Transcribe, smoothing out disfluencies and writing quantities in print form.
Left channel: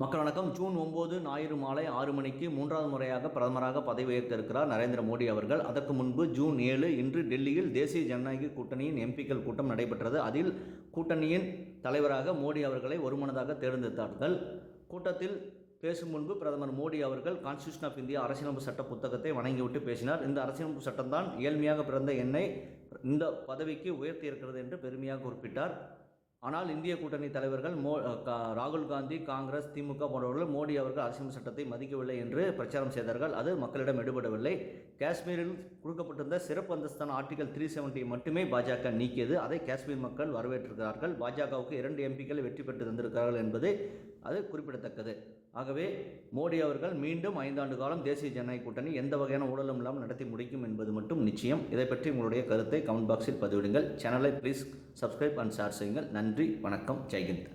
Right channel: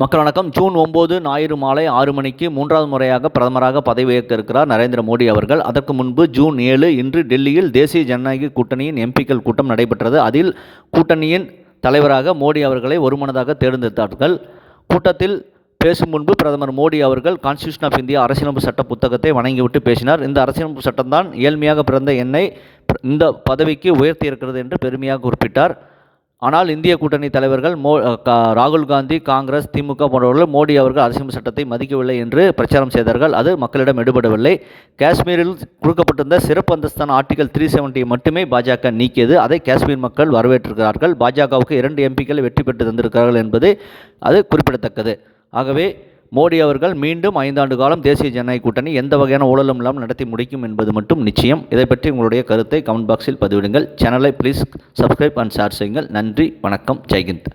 மக்கள் வணக்கம். ஜூன் 9 ஞாயிறு மாலை 6 மணிக்கு 3வது முறையாக பிரதமராக பதவியேற்க இருக்கிறார் நரேந்திர மோடி அவர்கள். அதற்கு முன்பு ஜூன் 7 இன்று டெல்லியில் தேசிய ஜனநாயக கூட்டணியின் எம்பிக்கள் கூட்டம் நடைபெற்றது. அதில் கூட்டணியின் தலைவராக மோடி அவர்களை ஒருமனதாக தேர்ந்தெடுத்தார்கள். கூட்டத்தில் பேசும் முன்பு பிரதமர் மோடி அவர்கள் கான்ஸ்டியூஷன் ஆஃப் இந்தியா அரசியலமைப்பு சட்ட புத்தகத்தை வணங்கிவிட்டு பேசினார். இந்த அரசியலமைப்பு சட்டம்தான் ஏழ்மையாக பிறந்த என்னை இந்த பதவிக்கு உயர்த்தியிருக்கிறது என்று பெருமையாக குறிப்பிட்டார். ஆனால் இந்திய கூட்டணி தலைவர்கள் ராகுல் காந்தி, காங்கிரஸ், திமுக போன்றவர்கள் மோடி அவர்கள் அரசியல் சட்டத்தை மதிக்கவில்லை என்று பிரச்சாரம் செய்தார்கள். அது மக்களிடம் எடுபடவில்லை. காஷ்மீரில் கொடுக்கப்பட்டிருந்த சிறப்பு அந்தஸ்தான ஆர்டிகல் 370 மட்டுமே பாஜக நீக்கியது. அதை காஷ்மீர் மக்கள் வரவேற்றிருக்கிறார்கள். பாஜகவுக்கு 2 எம்பிக்கள் வெற்றி பெற்று தந்திருக்கிறார்கள் என்பது அது குறிப்பிடத்தக்கது. ஆகவே மோடி அவர்கள் மீண்டும் 5 ஆண்டு காலம் தேசிய ஜனநாயக கூட்டணி எந்த வகையான ஊழலும் இல்லாமல் நடத்தி முடிக்கும் என்பது மட்டும் நிச்சயம். இதை பற்றி உங்களுடைய கருத்தை கமெண்ட் பாக்ஸில் பதிவிடுங்கள். சேனலை ப்ளீஸ் சப்ஸ்கிரைப் அண்ட் ஷேர் செய்யுங்கள். நன்றி, வணக்கம், ஜெய்ஹிந்த்.